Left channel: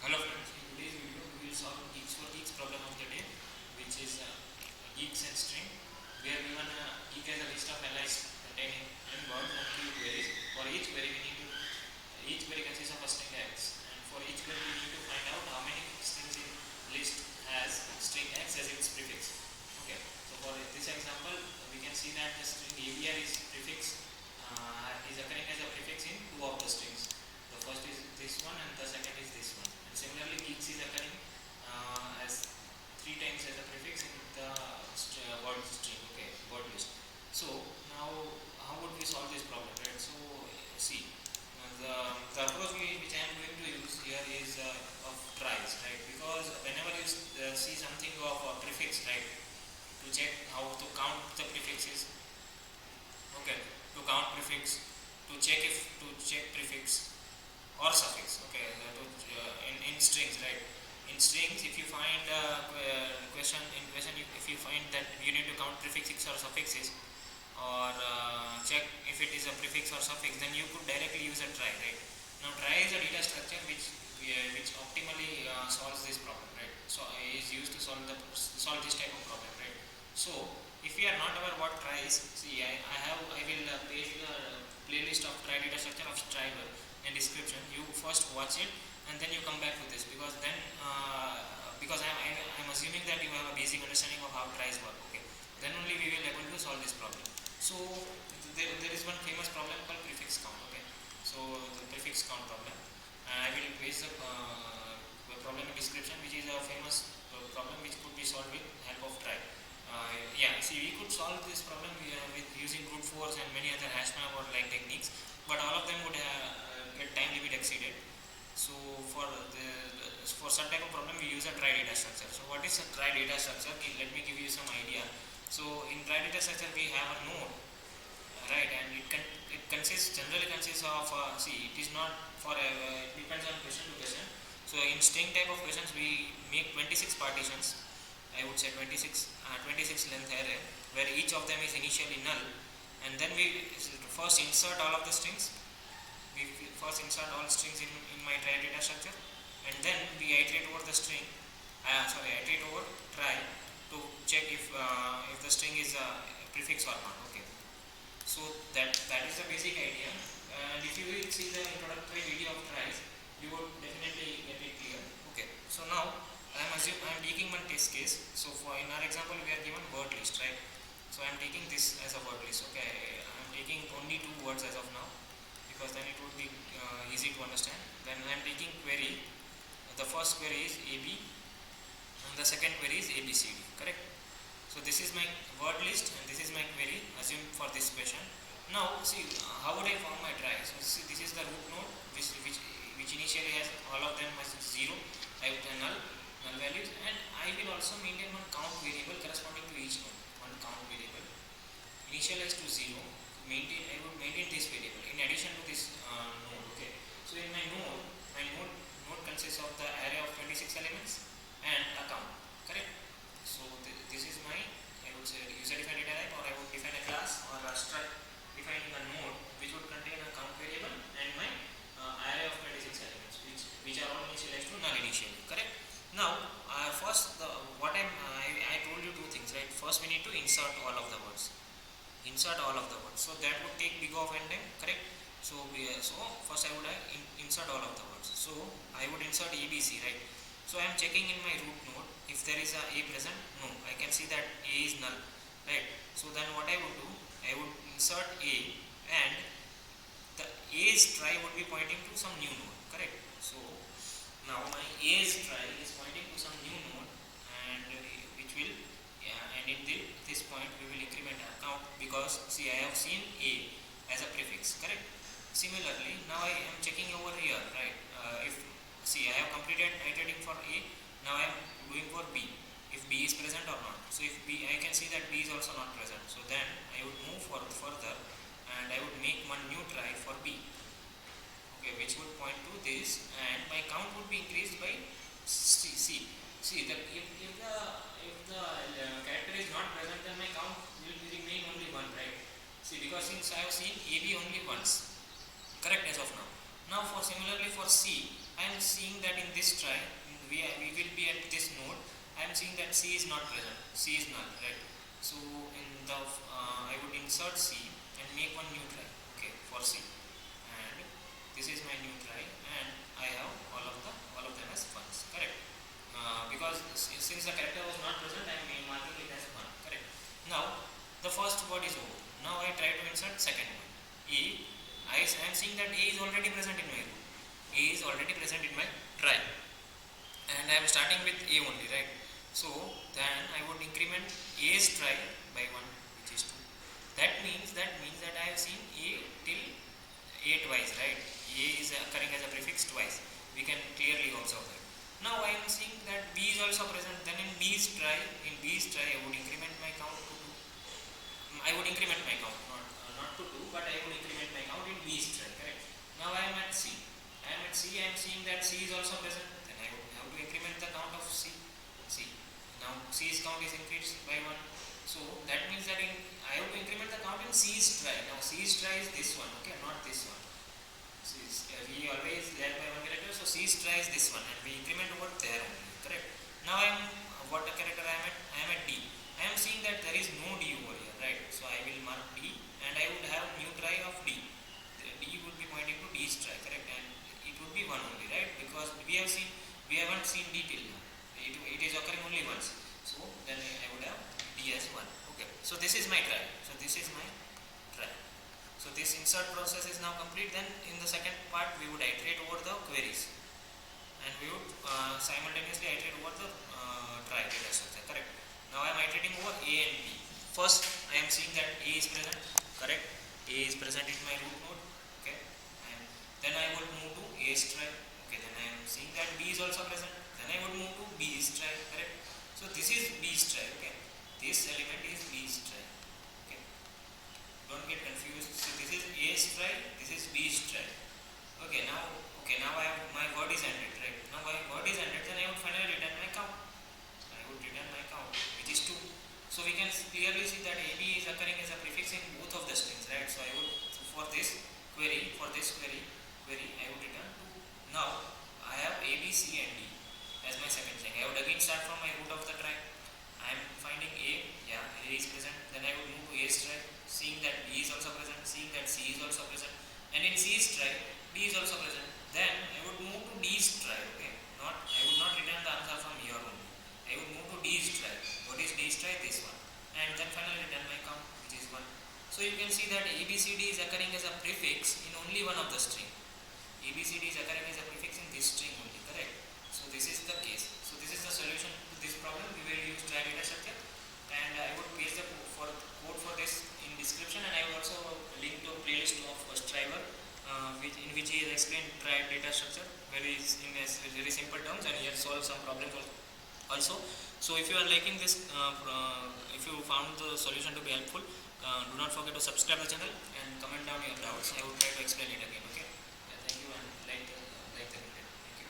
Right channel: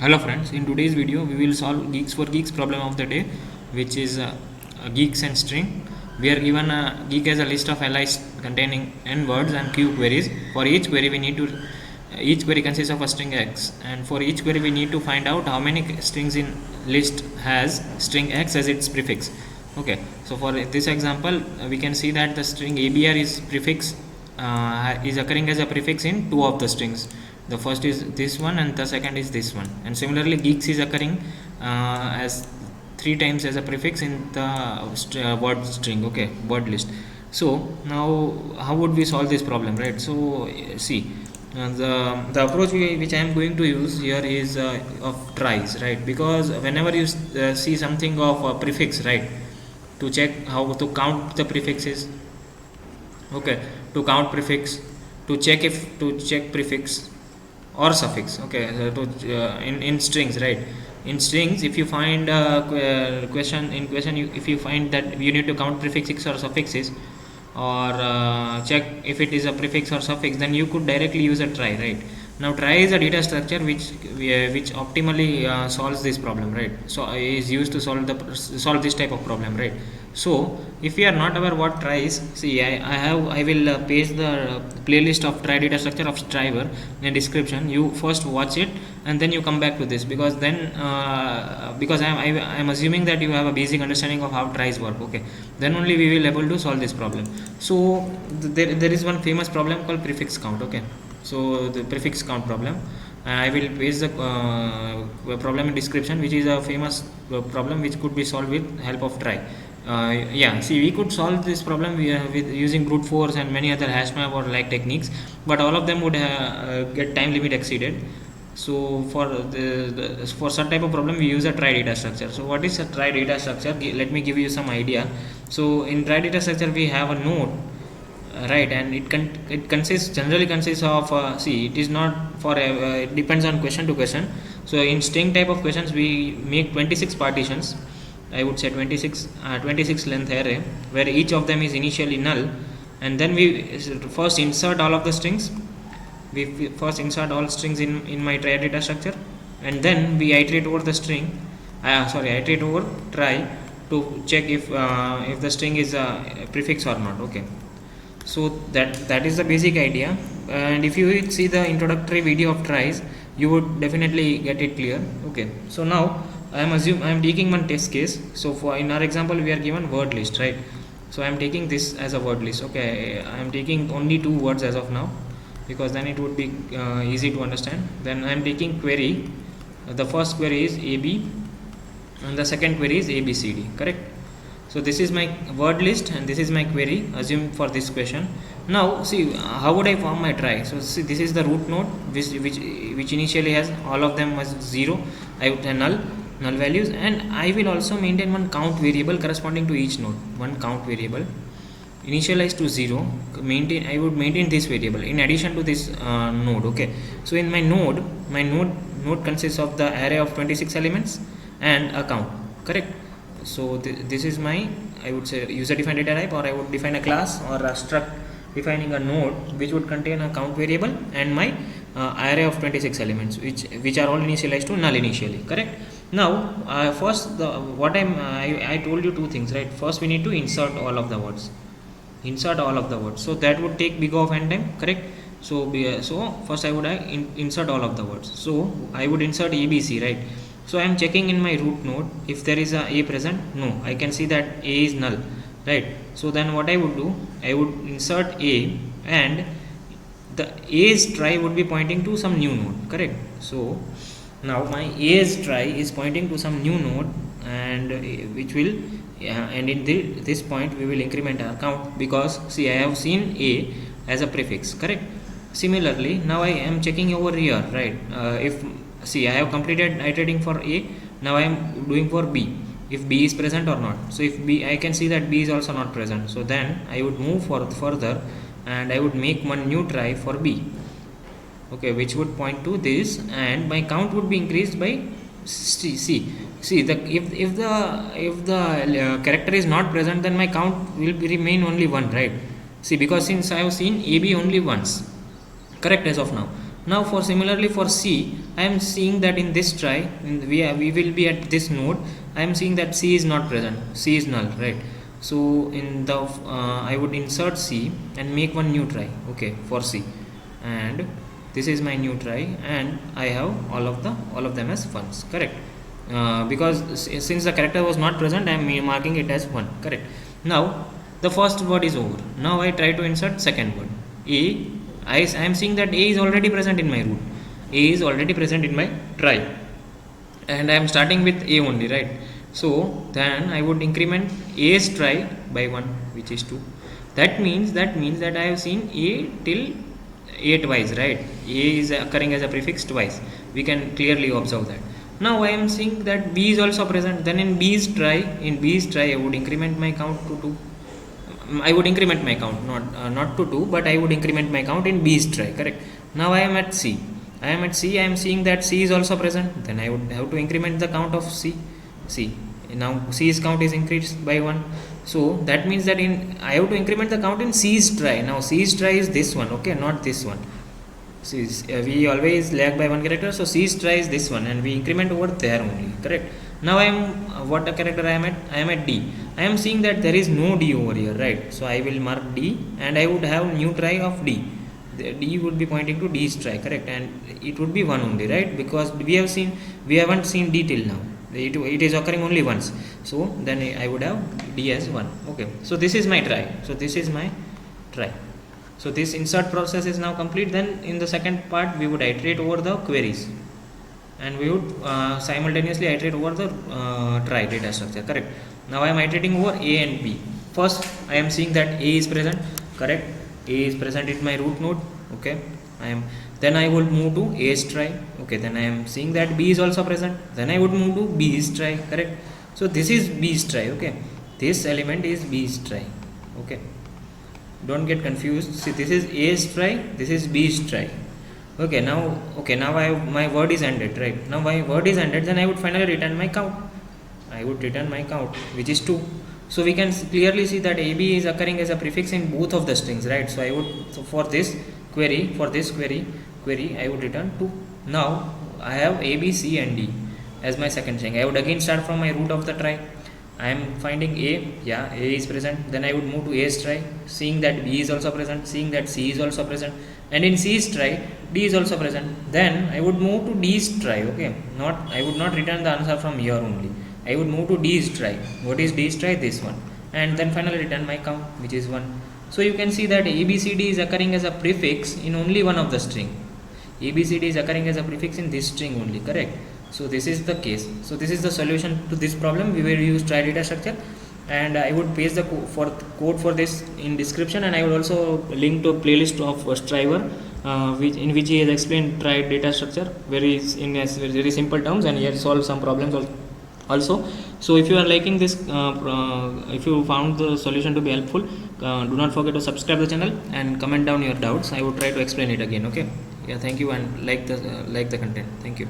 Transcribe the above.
Hello friends, in today's video we will solve Geeks for Geeks problem of the day, which is geeks and string. We are given a geek as a list of allies containing n words and q queries. For each query we need to each query consists of a string x, and for each query we need to find out how many strings in list has string x as its prefix. Okay, so for this example we can see that the string abr is occurring as a prefix in two of the strings. The first is this one and the second is this one, and similarly geeks is occurring as three times as a prefix in the word string, okay, word list. So now how would we solve this problem, right? So see, the approach which I am going to use here is of tries, right? Because whenever you see something of a prefix, right, to check how to count the prefixes, okay, to count prefix, to check prefix or suffix, okay, in strings, right? In strings, if you find if you find that you need to count prefixes or suffixes, or check if it is a prefix or suffix, then you could directly use a try, right? Now try is a data structure which optimally solves this problem, right? So is used to solve this type of problem, right? So if you are not aware what try is, see, I will paste the playlist of try data structure of striver in the description. You first watch it and then you come back to this, because then because I'm assuming that you have a basic understanding of how tries work, okay, then only we will able to solve this problem. So there is one famous problem called prefix count, okay. So the prefix count problem, I will paste the problem in description, which is a famous problem which could be solved with help of try. Yeah, see, we could solve this problem with using brute force and many other hash map or like techniques, but all of them would get time limit exceeded. So for such type of problem we use a try data structure. So what is a try data structure? Let me give you some idea. So in try data structure we have a node, right, and it generally consists of see, it is not for it depends on question to question. So in string type of questions we make 26 partitions, I would say 26 length array, where each of them is initially null, and then we first insert all of the strings. We first insert all strings in my try data structure, and then we iterate over the string. Iterate over try to check if the string is a prefix or not. Okay, so that is the basic idea, and if you see the introductory video of tries, you would definitely get it clear. Okay, so now I am taking one test case. So for in our example we are given word list, right? So I am taking this as a word list. Okay, I am taking only two words as of now, because then it would be easy to understand. Then I am taking query. The first query is AB and the second query is ABCD, correct? So this is my word list and this is my query, assume for this question. Now see, how would I form my try? So see, this is the root node which initially has all of them as 0. I would have null values, and I will also maintain one count variable corresponding to each node. One count variable initialized to 0. I would maintain this variable in addition to this node. Okay, so in my node consists of the array of 26 elements and a count, correct? So this is my, I would say, user defined data type, or I would define a class or a struct defining a node which would contain a count variable and my array of 26 elements which are all initialized to null initially, correct? Now first I told you two things, right? First we need to insert all of the words, so that would take big of n time, correct? So first I would insert all of the words. So I would insert ABC, right? So I am checking in my root node if there is a present. No, I can see that A is null, right? So then what I would do, I would insert A, and the A's try would be pointing to some new node, correct? So now my A's try is pointing to some new node, and which will and in this point we will increment our count, because see, I have seen A as a prefix, correct? Similarly, now I am checking over here, right? If see, I have completed iterating for A, now I am doing for B, if B is present or not. So if B, I can see that B is also not present, so then I would move further and I would make one new try for B, okay, which would point to this, and my count would be increased by if the character is not present, then my count will remain only 1, right? See, because since I have seen AB only once, correct, as of now. Now for similarly for C, I am seeing that in this try, we will be at this node. I am seeing that C is not present, C is null, right? So in the I would insert C and make one new try, okay, for C, and this is my new try, and I have all of them as ones, correct? Because since the character was not present, I am marking it as 1, correct? Now the first word is over. Now I try to insert second word, A. I am seeing that A is already present in my root. A is already present in my try, and I am starting with A only, right? So then I would increment A's try by 1, which is 2. That means that I have seen A till A twice, right? A is occurring as a prefix twice. We can clearly observe that. Now I am seeing that B is also present. Then in B's try, I would increment my count to 2. I would increment my count, not to 2, but I would increment my count in B's try, correct? Now I am at C. I am seeing that C is also present. Then I would have to increment the count of C. Now C's count is increased by 1. So that means that I have to increment the count in C's try. Now C's try is this one, okay, not this one. We always lag by 1 character, so C's try is this one, and we increment over there only, correct? Now I am what a character I am at? I am at D. I am seeing that there is no D over here, right? So I will mark D, and I would have new try of D. The D would be pointing to D's try, correct? And it would be 1 only, right? Because we haven't seen D till now. It is occurring only once. So then I would have D as 1. Okay. So this is my try. So this insert process is now complete. Then in the second part we would iterate over the queries, and we would simultaneously iterate over the try data structure, correct? Now I am iterating over A and B. First I am seeing that A is present, correct? A is present in my root node, okay? Then I will move to A's try, okay? Then I am seeing that B is also present. Then I would move to B's try, correct? So this is B's try, okay? This element is B's try, okay? Don't get confused. See, this is A's try, this is B's try. Okay, now my word is ended, right? Now my word is ended, then I would finally return my count. Which is 2. So we can clearly see that AB is occurring as a prefix in both of the strings, right? So for this query, I would return 2. Now I have A, B, C and D as my second string. I would again start from my root of the try. I am finding A, yeah, A is present. Then I would move to A's try, seeing that B is also present, seeing that C is also present, and in C's try, D is also present. Then I would move to D's try, okay? I would not return the answer from here only. I would move to D's try. What is D's try? This one. And then finally return my count, which is 1. So you can see that ABCD is occurring as a prefix in only one of the string. ABCD is occurring as a prefix in this string only, correct? So this is the case. So this is the solution to this problem. We will use try data structure, and I would paste the code for this in description, and I will also link to a playlist of Striver in which he has explained try data structure in very simple terms, and he has solved some problems also. So if you are liking this, if you found the solution to be helpful, do not forget to subscribe the channel and comment down your doubts. I will try to explain it again, okay? Yeah, thank you, and like the content. Thank you.